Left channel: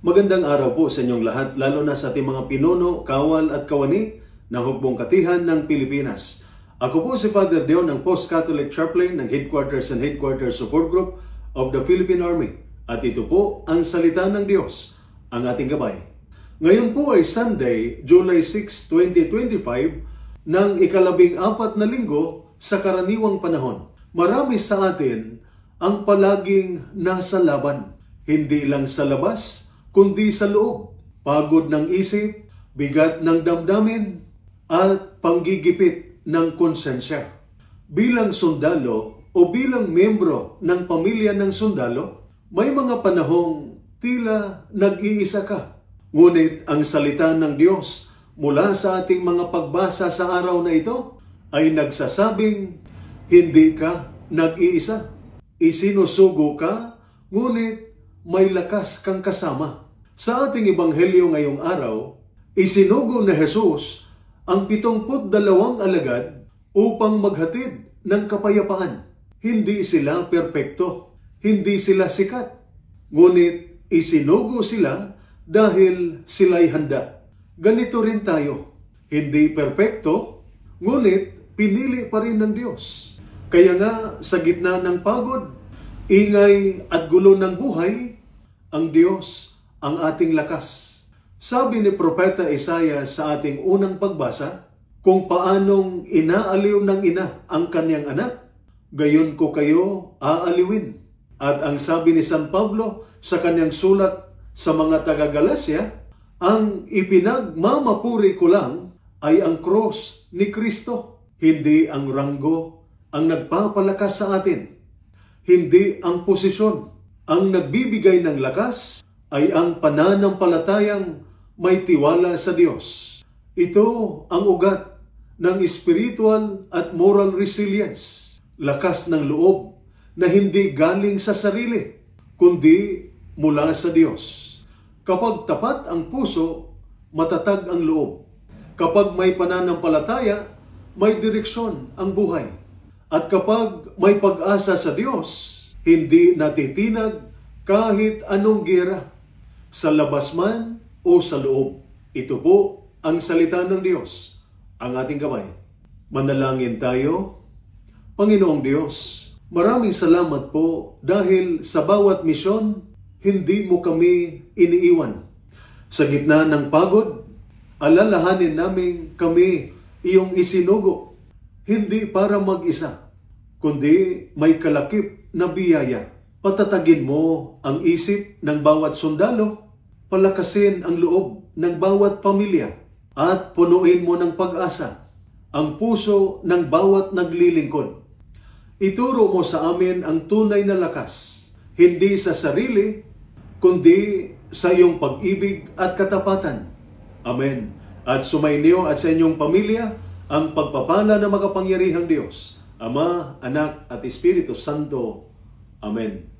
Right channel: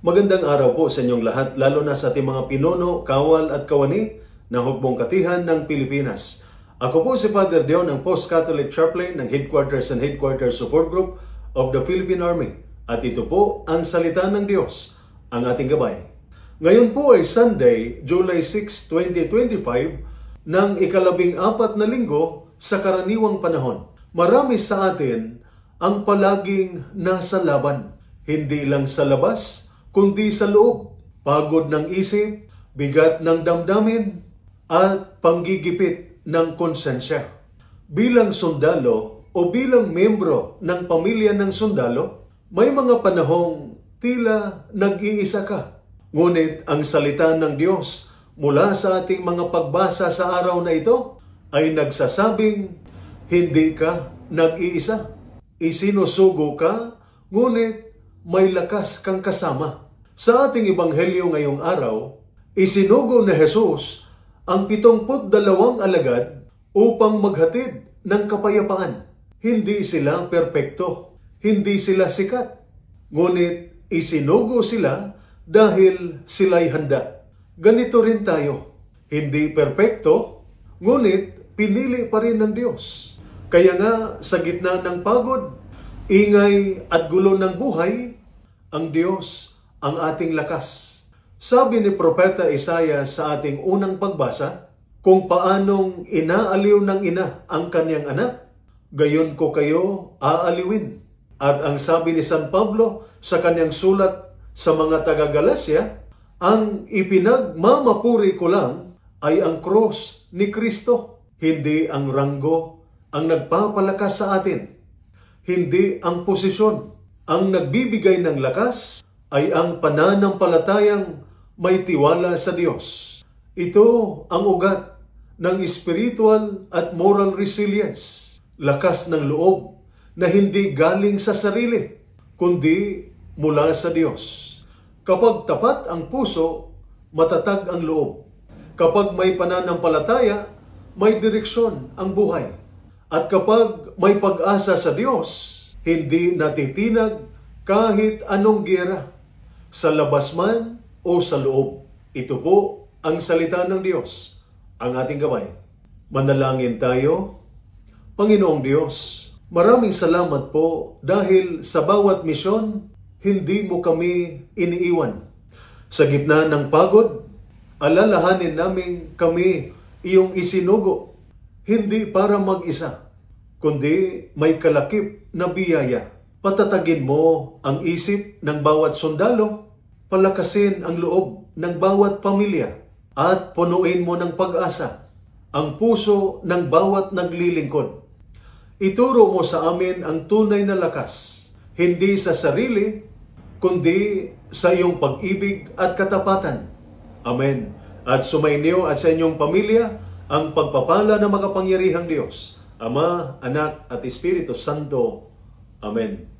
Magandang araw po sa inyong lahat, lalo na sa ating mga pinuno, kawal at kawani ng Hukbong Katihan ng Pilipinas. Ako po si Father Dion, ang Post-Catholic Chaplain ng Headquarters and Headquarters Support Group of the Philippine Army. At ito po ang salita ng Diyos, ang ating gabay. Ngayon po ay Sunday, July 6, 2025, ng ika-14 na linggo sa karaniwang panahon. Marami sa atin ang palaging nasa laban, hindi lang sa labas, kundi sa loob, pagod ng isip, bigat ng damdamin, at panggigipit ng konsensya. Bilang sundalo o bilang membro ng pamilya ng sundalo, may mga panahong tila nag-iisa ka. Ngunit ang salita ng Diyos mula sa ating mga pagbasa sa araw na ito ay nagsasabing, hindi ka nag-iisa. Isinusugo ka, ngunit may lakas kang kasama. Sa ating ebanghelyo ngayong araw, isinugo ni Jesus ang 72 alagad upang maghatid ng kapayapaan. Hindi sila perpekto, hindi sila sikat, ngunit isinugo sila dahil sila'y handa. Ganito rin tayo, hindi perpekto, ngunit pinili pa rin ng Diyos. Kaya nga sa gitna ng pagod, ingay at gulo ng buhay, ang Diyos ang ating lakas. Sabi ni Propeta Isaiah sa ating unang pagbasa, kung paanong inaaliw ng ina ang kanyang anak, gayon ko kayo aaliwin. At ang sabi ni San Pablo sa kanyang sulat sa mga taga-Galacia, ang ipinagmamapuri ko lang ay ang krus ni Kristo, hindi ang ranggo ang nagpapalakas sa atin. Hindi ang posisyon. Ang nagbibigay ng lakas ay ang pananampalatayang may tiwala sa Diyos. Ito ang ugat ng spiritual at moral resilience. Lakas ng loob na hindi galing sa sarili, kundi mula sa Diyos. Kapag tapat ang puso, matatag ang loob. Kapag may pananampalataya, may direksyon ang buhay. At kapag may pag-asa sa Diyos, hindi natitinag kahit anong giyera, sa labas man o sa loob. Ito po ang salita ng Diyos, ang ating gabay. Manalangin tayo. Panginoong Diyos, maraming salamat po dahil sa bawat misyon, hindi mo kami iniiwan. Sa gitna ng pagod, alalahanin namin kami iyong isinugo, hindi para mag-isa, kundi may kalakip na biyaya. Patatagin mo ang isip ng bawat sundalo, palakasin ang loob ng bawat pamilya, at punuin mo ng pag-asa ang puso ng bawat naglilingkod. Ituro mo sa amin ang tunay na lakas, hindi sa sarili, kundi sa iyong pag-ibig at katapatan. Amen. At sumainyo at sa inyong pamilya ang pagpapala ng makapangyarihang Diyos, Ama, Anak, at Espiritu Santo. Amen.